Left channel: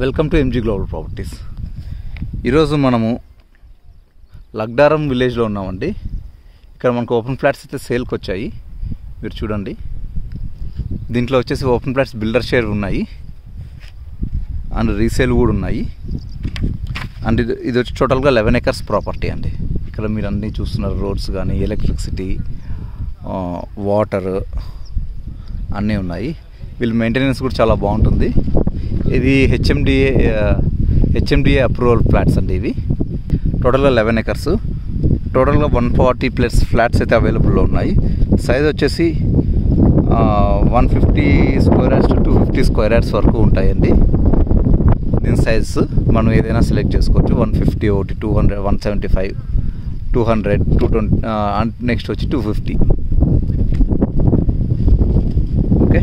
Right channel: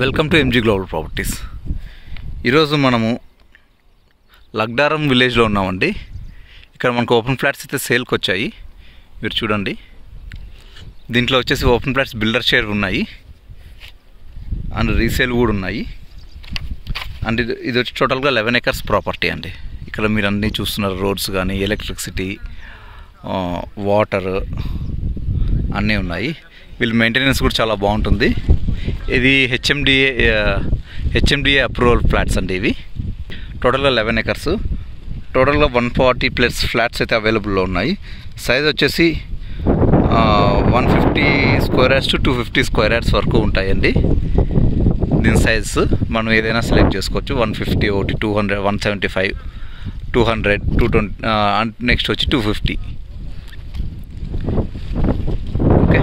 Welcome to MG global properties. ఈరోజు మనము లగ్డారం విలేజ్లో ఉన్నామండి. ఇక్కడ మనకు ఓపెన్ ఫ్లాట్స్ అయితే సేల్కి వచ్చాయి. మీరు చూడండి, దీంట్లో వచ్చేసి ఓపెన్ ఫ్లాట్స్ బిల్డర్ షేర్ ఉన్నాయి అండ్ రీసేల్ కూడా ఉన్నాయి. అండ్ ఇది వచ్చి టోటల్గా 11 acres ప్రాపర్టీ అండి. ఇక్కడ మీరు అన్నీ చూస్తున్నారు, రోడ్స్ కానీ ఎలక్ట్రిసిటీ, వాటర్ అన్నీ ఉన్నాయి. వీళ్ళు మెయింటెనెన్స్ కూడా చాలా బాగుంటుంది. ఇది హెచ్ఎండిఏ అప్రూవల్ ఫ్లాట్స్ అండి. ఇవి టోటల్గా 11 acres, టోటల్గా 140+ ఫ్లాట్స్ అయితే అవైలబుల్లో ఉన్నాయి. సైజ్ వచ్చేసి 150 square yards to 250 square yards వరకు ఉంటాయండి. దీని సైజ్ మనం ఏదైనా సెలెక్ట్ చేసుకోవచ్చు. 150, 200, 175, 200, 220 అండ్ నెక్స్ట్ వచ్చి 250. ఓకే.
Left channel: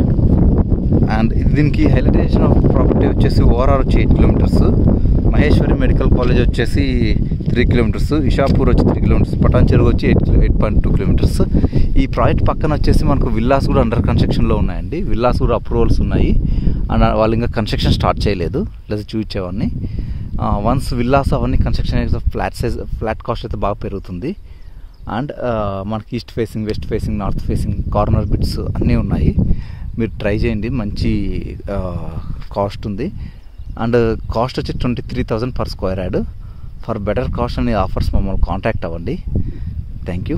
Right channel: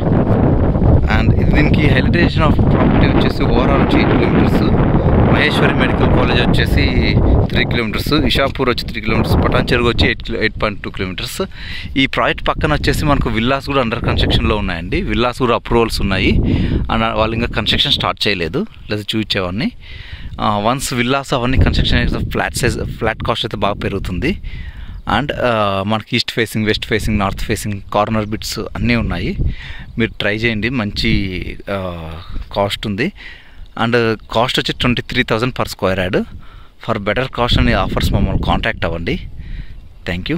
అండ్ దీనికి హైలైటేషన్ ఆఫ్ ప్రాపర్టీ వచ్చేసి ఓవరాల్ వచ్చి 8 kilometers, మహేశ్వరి మెడికల్ కాలేజ్ వచ్చేసి 3 kilometers, ఇషాపూర్ వచ్చి 3 kilometers, పటాన్ చెరువు వచ్చి 8.2 kilometers. ఈ ప్రాజెక్ట్ పక్కన వచ్చేసి మనకు విల్లాస్ కూడా అండర్ కన్స్ట్రక్షన్లో ఉన్నాయండి. విల్లాస్ కూడా అప్రూవల్స్ ఉన్నాయి అండ్ వాళ్ళు ఇంకా కన్స్ట్రక్షన్ స్టార్ట్ చేయలేదు, లేదా చూపించేవాడిని. వన్స్ విల్లాస్ అవన్నీ కన్స్ట్రక్షన్ అయితే ఫ్లాట్ కాస్ట్ అయితే బాగా పెరుగుతుంది. అండ్ మనకి east facing, west facing, north facing, corner bits అన్నీ ఉన్నాయి. మీరు ట్రై చేయండి, మంచి కాస్ట్ ఉంది. అండ్ కాస్ట్ వచ్చి 23,000 per square yard. For better cost అనే ఆఫర్స్ మమ్మల్ని కాంటాక్ట్ అవ్వండి. Thank you.